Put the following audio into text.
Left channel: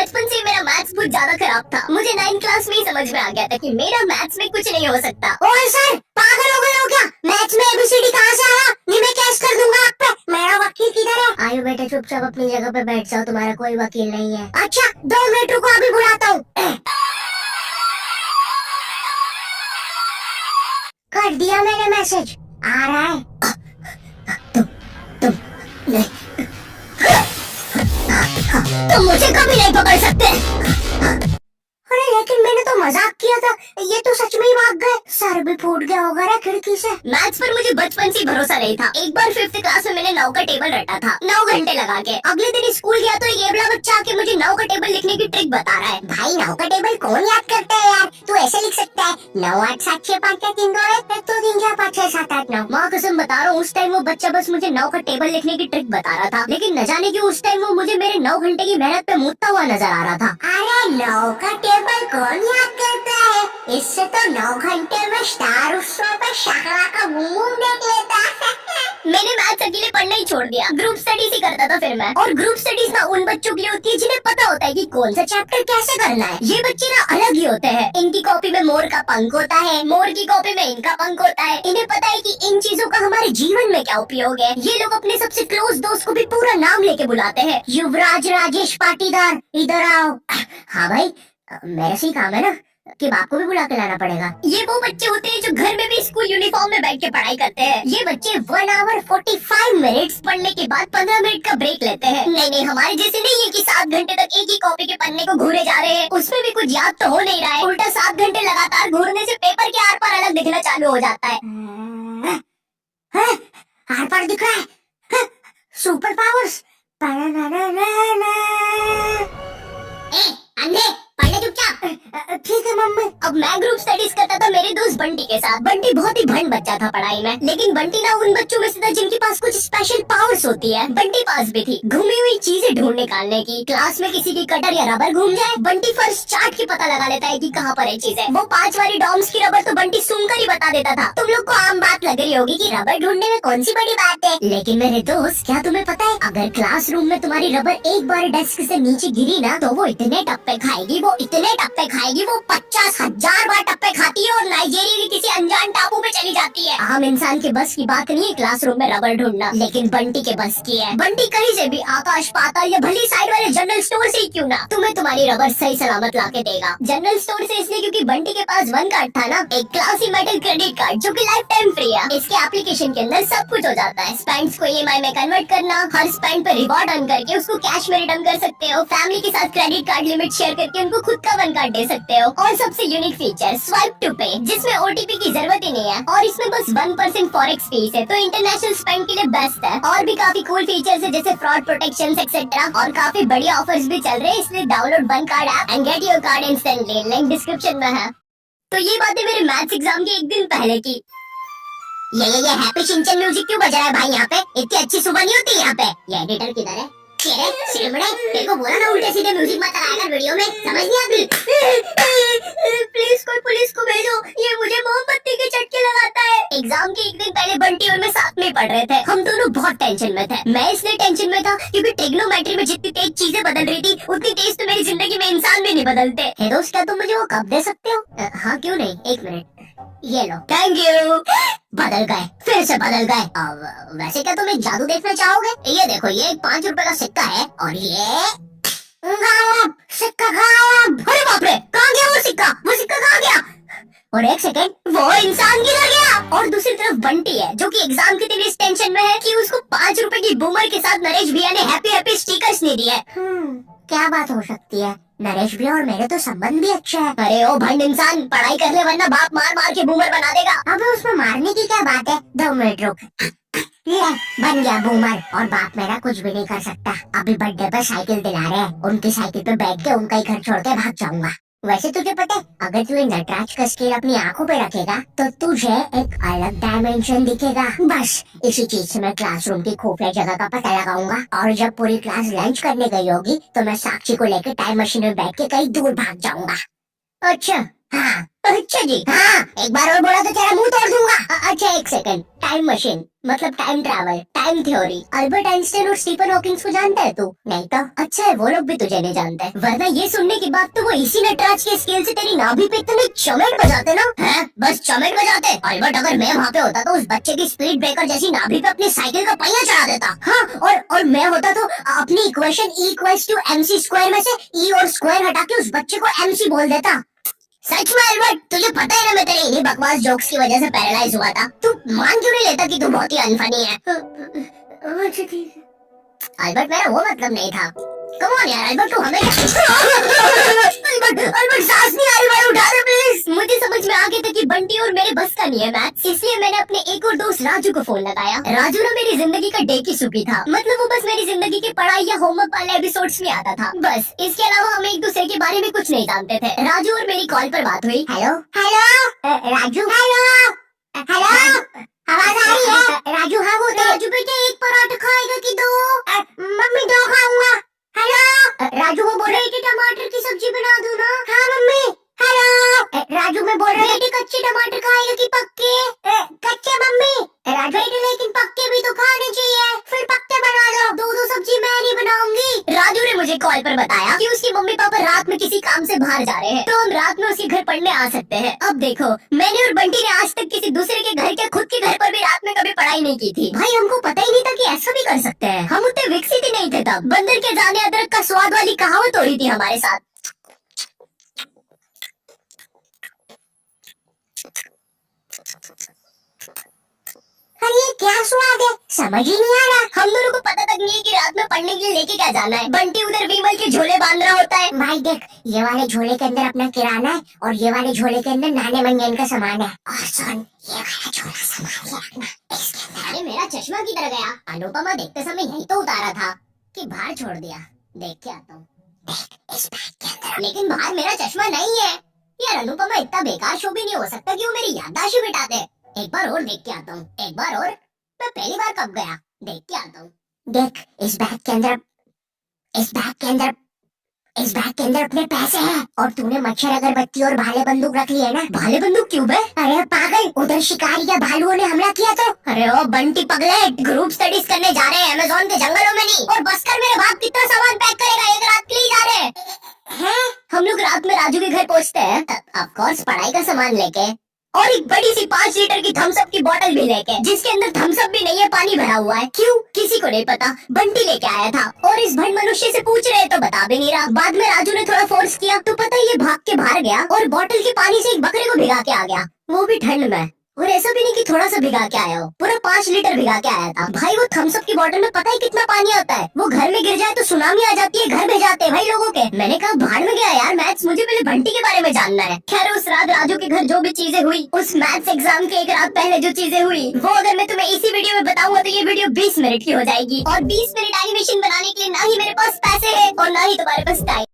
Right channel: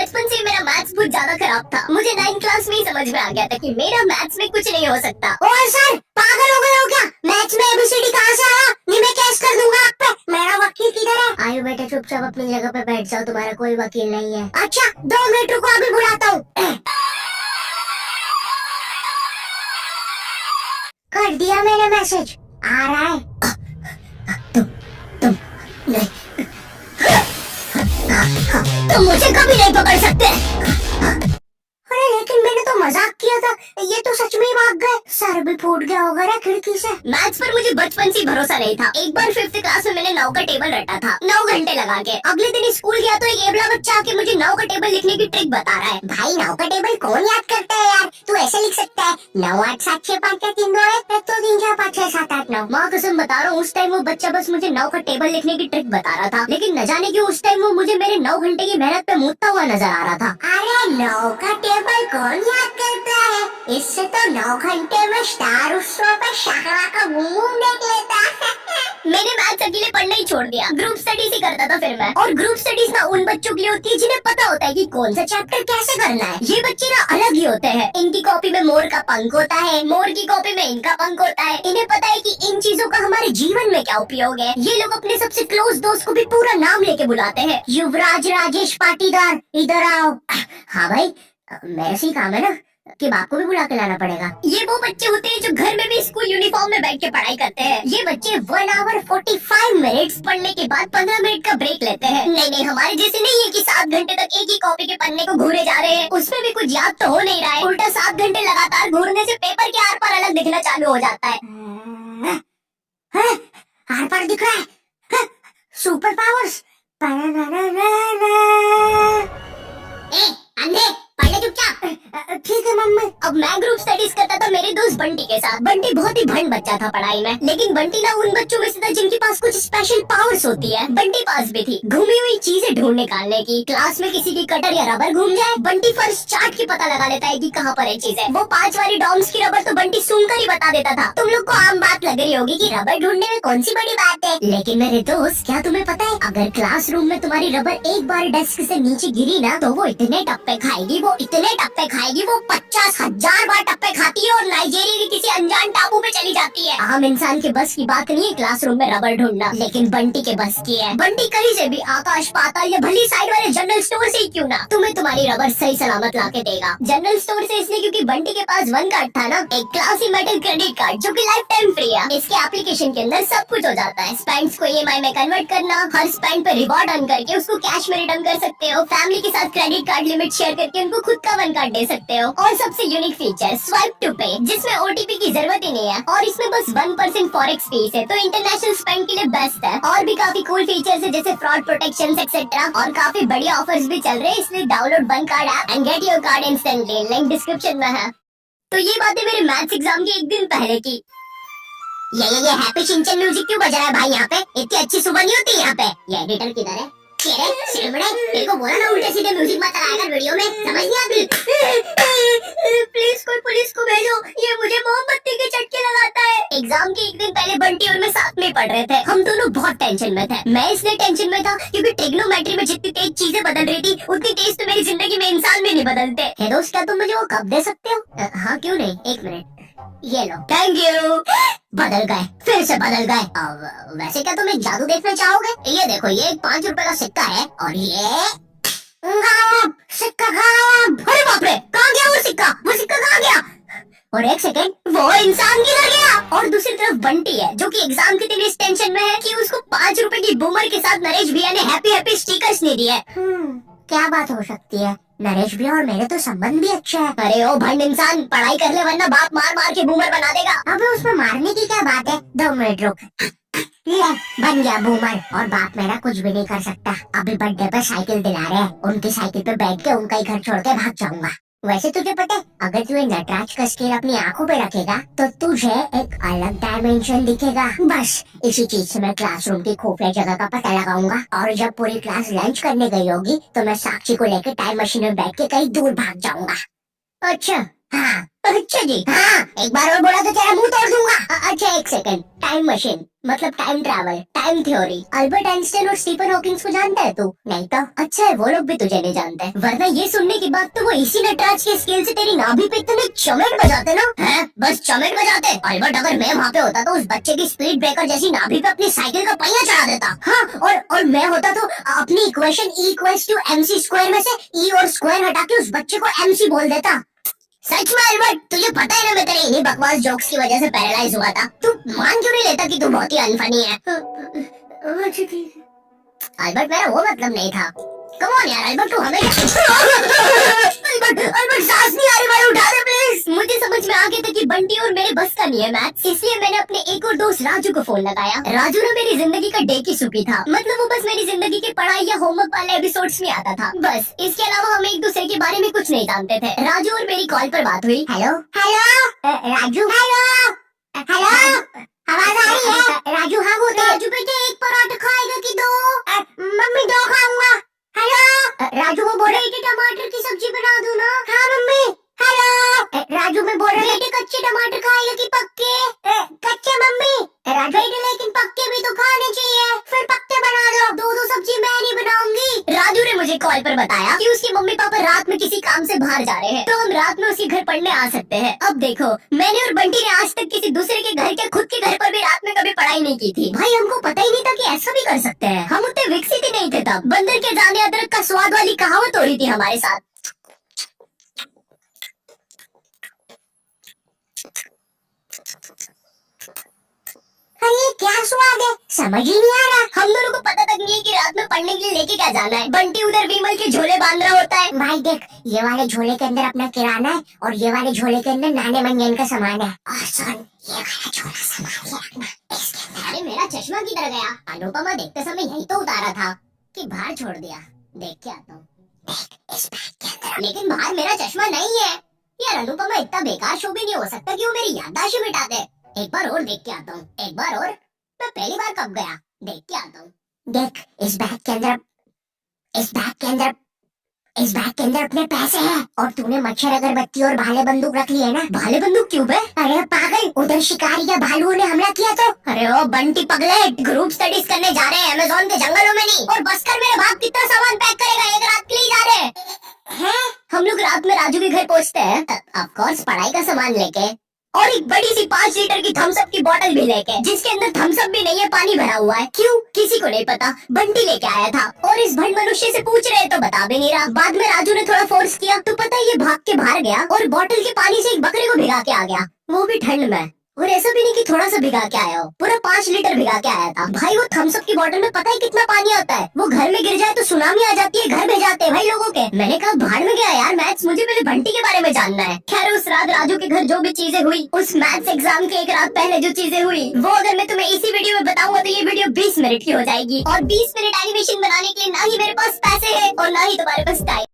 बचपन से मेरा मैथ्स बहुत ज्यादा खराब था। मुझे 9th क्लास में ही समझ में आ गया था कि मेरा मैथ्स में कुछ नहीं हो सकता। ओए सर, पागल हो गए हो क्या? मैथ्स में एबीसीडी कहाँ से आया? ये मैं केस कर दूंगा आप पे। मेरा वकील किधर है? आयु बेटा, चुपचाप अपनी जगह पे बैठ जाओ, तुम्हारा कोई वकील नहीं है। अच्छा 2 मिनट रुको, अभी बुलाता हूँ। कर दिया मैंने मैसेज, आ रहा है। तुम नहीं, तुम मुझे कभी नहीं पकड़ सकते। अरे लेकिन मैंने तो मजाक किया था, ये तो सच में ही भाग गए। सर भी फूट गया होगा ना खिड़की से। मैथ्स पर मुझे बचपन से भरोसा नहीं था। एक बार 5th क्लास में मैंने 9 का टेबल रटा था, 9 घंटे लगा के। अगले दिन स्कूल गया तो एक एबला बच्चा आके मुझे 9 का टेबल लिखने की ट्रिक बता रहा है। भाई 9 का टेबल कौन याद करता है यार? तू ऐसे लिख सकता है 9 8 7 6 5 4 3 2 1 तो 3 4 5 6 7 8 9। माँ कसम बता रहा हूँ, उस टाइम वो बच्चा बस मुझे 9 का टेबल लिखने की ट्रिक बता रहा था, लेकिन न जाने क्यों उस टाइम वो मुझे मेरे 9 घंटे की मेहनत पे मूतता हुआ नजर आ रहा था। अरे 9 का टेबल कौन याद करता है? इससे तो 9 घंटे में स्टार उत्सव पे शाहरा का घूम देख लेता है। मैंने मैथ्स अकेले पढ़ना ही छोड़ दिया, ग्रुप स्टडीज ही करता था फिर मैं। और ग्रुप स्टडीज ना उन बच्चों के लिए होती है जिन्हें पता होता है कि कौन सा चैप्टर कैसे करना है। ये बच्चे ना अलग ही होते हैं। इनकी कॉपी में मोर का पंख होता है, मोर की कॉपी में इनका पंख होता है। इन्हें पता है कि इन चीजों का हमारे जीवन में क्या उपयोग है। ये लोग अपने सबसे क्लोज दोस्त को भी पूरा नाम लेके बुलाते हैं। युवराज राजेश पाटीदार, इधर आओ। हाँ भाई, मेरे से ही काम है ना कि बाप को भी बुला के लाना पड़ेगा। ये वो बच्चे होते हैं जो घर में भी स्कूल यूनिफॉर्म में बैठ के पढ़ाई करते हैं। ये बच्चे 1 आवर 45 मिनट्स पढ़ने के बाद 15 मिनट का ब्रेक लेते हैं। नहीं, हमारे जैसे नहीं है कि 7 घंटे तक एक ही कॉपी के पन्ने को घूरे जा रहे हैं। उसमें भी कुछ याद तो हो नहीं रहा है। उल्टा 7 घंटे लगातार घूरने से पेपर के आर पार अलग दिखना चालू हो जाता है। आर पार दिख रहा है। Super powers. अंधे पढ़ ले चुपचाप। ठीक है मम्मी। अब मैं ग्रुप स्टडीज करता था मेरे दोस्त बंटी के साथ। बंटी बहुत ही भंड बच्चा था पढ़ाई में, लेकिन बंटी ना उन बच्चों में से था जिनके पास कुछ स्पेशल पावर्स होती है। बंटी पास भी थी घूमी हुई चीजें ढूंढ निकालने की। क्लास में किसी की कटर या रबर घूम जाए, बंटी फर्स्ट चार्ट के पता लगा लेता है कि कहाँ पर है चीजें। वो 5 वाली डॉम्स की रबर तो बंटी सूंघकर ही बता देता था। तुम लोग को आम बात लग रही होगी कि रबर ढूंढने में कौन सी बड़ी बात है, लेकिन मेरे दोस्त क्या तुम्हें पता है, अगर क्लासरूम में तुम्हारी रबर एक बार डेस्क से नीचे गिरी ना तो वो इतने टप्पे खाएगी, वो 50,000 बार टप्पे खाती है और नाइजीरिया के किसी अनजान टापू पे चली जाती है। आम इंसान के बस की बात नहीं है क्लासरूम में रबर ढूंढना, लेकिन बंटी के बस की है। बंटी कहीं से भी आकाश पाताल या भली साइड वाले जनरल स्टोर से ही क्यों ना तुम्हें तुम्हारी रबर सही सलामत ला के देगा। जनरल स्टोर से इसलिए क्योंकि बंटी के पास 1 कार्ड था ना, एक क्लासी मेटल क्रेडिट कार्ड जो कि लाइफ टाइम फ्री है। इसके एप्लीकेशन के अंदर सब कुछ हो जाता है। स्पेंड्स को EMI में कन्वर्ट करना, हर स्पेंड पे रिवॉर्ड अर्न करके उसको कैश में रिटर्न कर सकते हो। फैमिली के साथ क्रेडिट कार्ड लिमिट शेयर करके उनको खुद का 1 कार्ड दे सकते हो। और सबसे यूनिक फीचर स्वाइप टू पे, जिसमें OTP की जरूरत ही नहीं है और इसमें बस 1% फॉरेक्स फीस है, तो इंटरनेशनल स्पेंड के लिए बेस्ट है। और भी काफी कूल फीचर्स है जैसे फ्रॉड प्रोटेक्शन एक्सेट्रा, और काफी बढ़िया ऑफर्स भी चल रहे हैं। इसलिए download 1 card app and get your card instantly, link description में है। तो ये बातें मेरे मैथ्स एग्जाम के एक दिन पहले की। ये हैप्पी शिनचैन म्यूजिक क्यों बज रहा है भाई यहाँ पे? इतनी अच्छी सुबह नहीं होती यहाँ पे। ये एडिटर किधर है? तेरे को बोला ना उल्टे सीधे म्यूजिक मत लगाया कर वीडियो में, समझ नहीं आती? प्लीज कोई पुलिस को भेजो, ये मुझे मोमबत्ती के झटके लगाता है। एग्जाम के एक दिन पहले बंटी और मैं साथ में पढ़ रहे थे। हम दोनों बहुत टेंशन में थे। मैं इसलिए टेंशन में था क्योंकि ट्रिग्नोमेट्री में जितनी तेज चीजें बदल रही थी उतनी तेज तो मेरी जिंदगी में इंसान में नहीं बदलते। हे दोस्त, क्या तुम मुझे वो कप दे सकते हो? हाँ क्यों नहीं, 1 मिनट। ये लो। Thank you. बदल गए, फिर से बदल गए। अब वैसे क्या तुम एक जादू देखना चाहोगे? ये देखो, ये एक 5 रुपए का सिक्का है और ये गायब, सिक्का गायब। अरे बाप रे, कहाँ गया वो सिक्का? वो सिक्का कहाँ गया? और 1 सेकेंड, वो इंसान किधर गया? और दूसरी तरफ बंटी है जो कि एग्जाम के दिन इस टेंशन में है कि उसको 5 रुपए की बूमर के साथ नरेश भैया ने हैप्पी हैप्पी स्टिकर्स नहीं दिए। क्या बात हो सकती है? नरेश भैया और मेरे तो संबंध भी अच्छे हैं। अरे ओ भंड इंसान, पढ़ाई कर ले वरना बाप मार मार के बूमर बना देगा। अबे उसमें मारने की क्या बात है? 2 मिनट रुक। ले, बन गया बूमर और बाप मेरा कुछ भी नहीं कर सकता। अभी बर्थडे पे साइकिल दिला रहे हैं, उनकी साइकिल पे बैठ के उनका ही घर छोड़ के भाग जाऊंगा। वैसे तुझे पता है, अगर तू नटराज का स्केल अपनी आंखों पे रखेगा तो तुझे एक अलग डायमेंशन दिखेगा। बस इसी चीज से मैं क्लासरूम की खुफिया जगह का पता लगाऊंगा और जब पूरी क्लास लंच करने गई होगी तो मैं साक्षी को लेकर टाइम मशीन में बैठ के कहीं दूर भाग जाऊंगा। अच्छा, हाँ अच्छा जी। हाँ, एक बार और बोला तो तेरा मुंह तोड़ दूंगा। अच्छा एक सेकंड, टाइम मशीन मतलब time travel, time theory, Albert Einstein और स्टीफन हॉकिंस को जानता है तू? नहीं तो अच्छा है वो लोग भी तुझे नहीं जानते, वरना ये सुनने के बाद तो वो इसी नटराज के स्केल से तेरी नाभि पे इतने चमेट बजाते ना। हैं? बस चमेट बजाते। अल्बर्ट अगर मैं वहाँ पे होता तो उस बच्चे की स्पीड ब्रेकर जैसी नाभि पे अपनी साइकिल का पहिया चढ़ा देता। हाँ, और मैं होता तो अपनी इक्वेशन E = mc² में से E और स्क्वायर हटा के उस बच्चे को MC बोल देता। सच में अल्बर्ट, तुझे पता है ना मैं तेरे इन्हीं बकवास जोक्स की वजह से पैरालाइज हुआ था। तू मान क्यों नहीं लेता कि तू बहुत ही अनफनी है? अच्छा ठीक है। अल्बर्ट मेरा वो मतलब नहीं था। कम ऑन यार अल्बर्ट, तू हमें अल्बर्ट सांस नहीं आ रही, भाई उठा दे प्लीज। मुझे समझ में आ गया था कि बंटी और मेरे बस का नहीं है मैथ्स, इसलिए मैंने अपने एक और दोस्त राजू को फोन लगाया। राजू ना मेरी जिंदगी का डेकी सुकी था, मतलब वो बस मेरी जिंदगी के पढ़ाई या होमवर्क वाले एपिसोड्स में आता था बस। इसके अलावा हम एक दूसरे के बारे में कुछ नहीं जानते थे। राजू और मेरी कॉल पर बात हुई। Hello hello Raju, hello hello, आवाज आ रही है? राजू हाँ बोल। राजू बेटे एक पराठा खाएगा कि दो? मम्मी दो खाऊंगा। हेलो राजू, वो बोल रही थी टमाटर की सब्जी बना दूं ना? हाँ मम्मी। हेलो राजू, मैं बोल रही थी कच्चे टमाटर खाएगा कि पक्के? कच्चे मम्मी। राजू बेटे लेकिन पक्के भी तो खाने चाहिए, फिर पक्के बना दो। दो दो सब्जी मैं नहीं बनाऊंगी। राजू ने मुझे कॉल पर बताया कि उसके मम्मी पापा रात में किसी काम से बाहर जा रहे हैं, तो हम रात में उसके घर पढ़ने आ सकते हैं। अब देखो, मैंने और बंटी ने आज तक किसी दूसरे के घर, के खुद के घर पर भी रात में कभी पढ़ाई नहीं की थी। भाई हमको पता ही नहीं था कि ऐसा भी कर सकते हैं। हम उतने विकसित ही नहीं थे तब। बंदर के जाने अदरक का स्वाद वाली कहावत हो रही थी हमारे साथ। अरे ये क्या स्वाद है, समझ ही नहीं आ रहा। हम दोनों को पता तक नहीं है कि रात में पढ़ने के लिए लेके क्या जाना है। बंटी उधर विमल के झोले बांध रहा होता है। भाई देख, ये वाले झोले के अंदर अपना किराना है और ये वाले झोले के अंदर नाने मंजन का सामान है। और सुन, ये वाला झोला संभाल के रखना, इसके अंदर। अरे मेरा चश्मा किधर गया? अनुपमा देखते समय यही तो उतारा था कि बाहर छोड़ दिया। देख के आता हूँ। देख इस बैग के अंदर। लेकिन बाहर मेरा चश्मा नहीं है यार। अनुपमा इतना बेकार शो भी नहीं हो सकता कि वो मेरी याददाश्त ही मिटा दे। एक बार और देख के आता हूँ, एक बार और। मैं पहली बार कब गया? देख के आता हूँ। देख इस बैग के अंदर, इस बैग के अंदर, इस बैग के अंदर अपने पैसे हैं। और तूने मच्छर अगरबत्ती और भाले बंदूक रख ली है ना? भाले बंदूक क्यों बे? अरे पागल, उधर शिकारी या भालुओं ने हमला किया तो। अरे ओ बंटी पगलेट, ग्रुप स्टडीज करने जा रहे हैं अमेज़न के जंगलों में नहीं। और बस कर मेरे बाप कितना सामान पैक करेगा? एक रात के लिए जा रहे हैं। हम लोग रात में राजू के घर पहुँचते हैं, ऑफ कोर्स पढ़ाई का सामान लेके, और एक बड़ी सी 5 लीटर की थम्स अप की बोतल भी लेके, जिसके अंदर थम्स अप भी नहीं है, पानी भरा हुआ है। क्यों? किसी को नहीं पता, बंटी लेके आया था। और इस भंड मनुष्य से पूछ रहे तो बता भी नहीं रहा। बाद में राजू ने थोड़ा फोर्स किया तो पता है ये भाग के बाहर गया और बोतल के पानी से एक बकरे को भिगा के आ गया, वो भी ठंड में। और ऐसा भी नहीं कि थोड़ा सा भिगा के आया हो, पूरा 5 लीटर भिगा के आया था। भाई वो थम्स अप की बोतल में पता है कितना पानी आता है? वो घर में गिर जाए तो सुनामी आ जाती है, घर भेजाते हैं भाई लोगों के। मैंने कहा भाड़ में गया यार मैथ्स, मुझे पहले बंटी के बारे में जानना है। खैर उस रात राजू के घर जो भी चीजें हुई, उस मैथ्स एग्जाम के एक रात पहले जो चीजें हुई, वो अगर मैं तुम्हें इसी वीडियो में बताऊंगा तो ये वीडियो 20 मिनट की हो जाएगी। और 20 मिनट एनिमेशन बनाने के लिए ना ही मेरे पास पैसे है और ना ही तुम्हारे पास टाइम।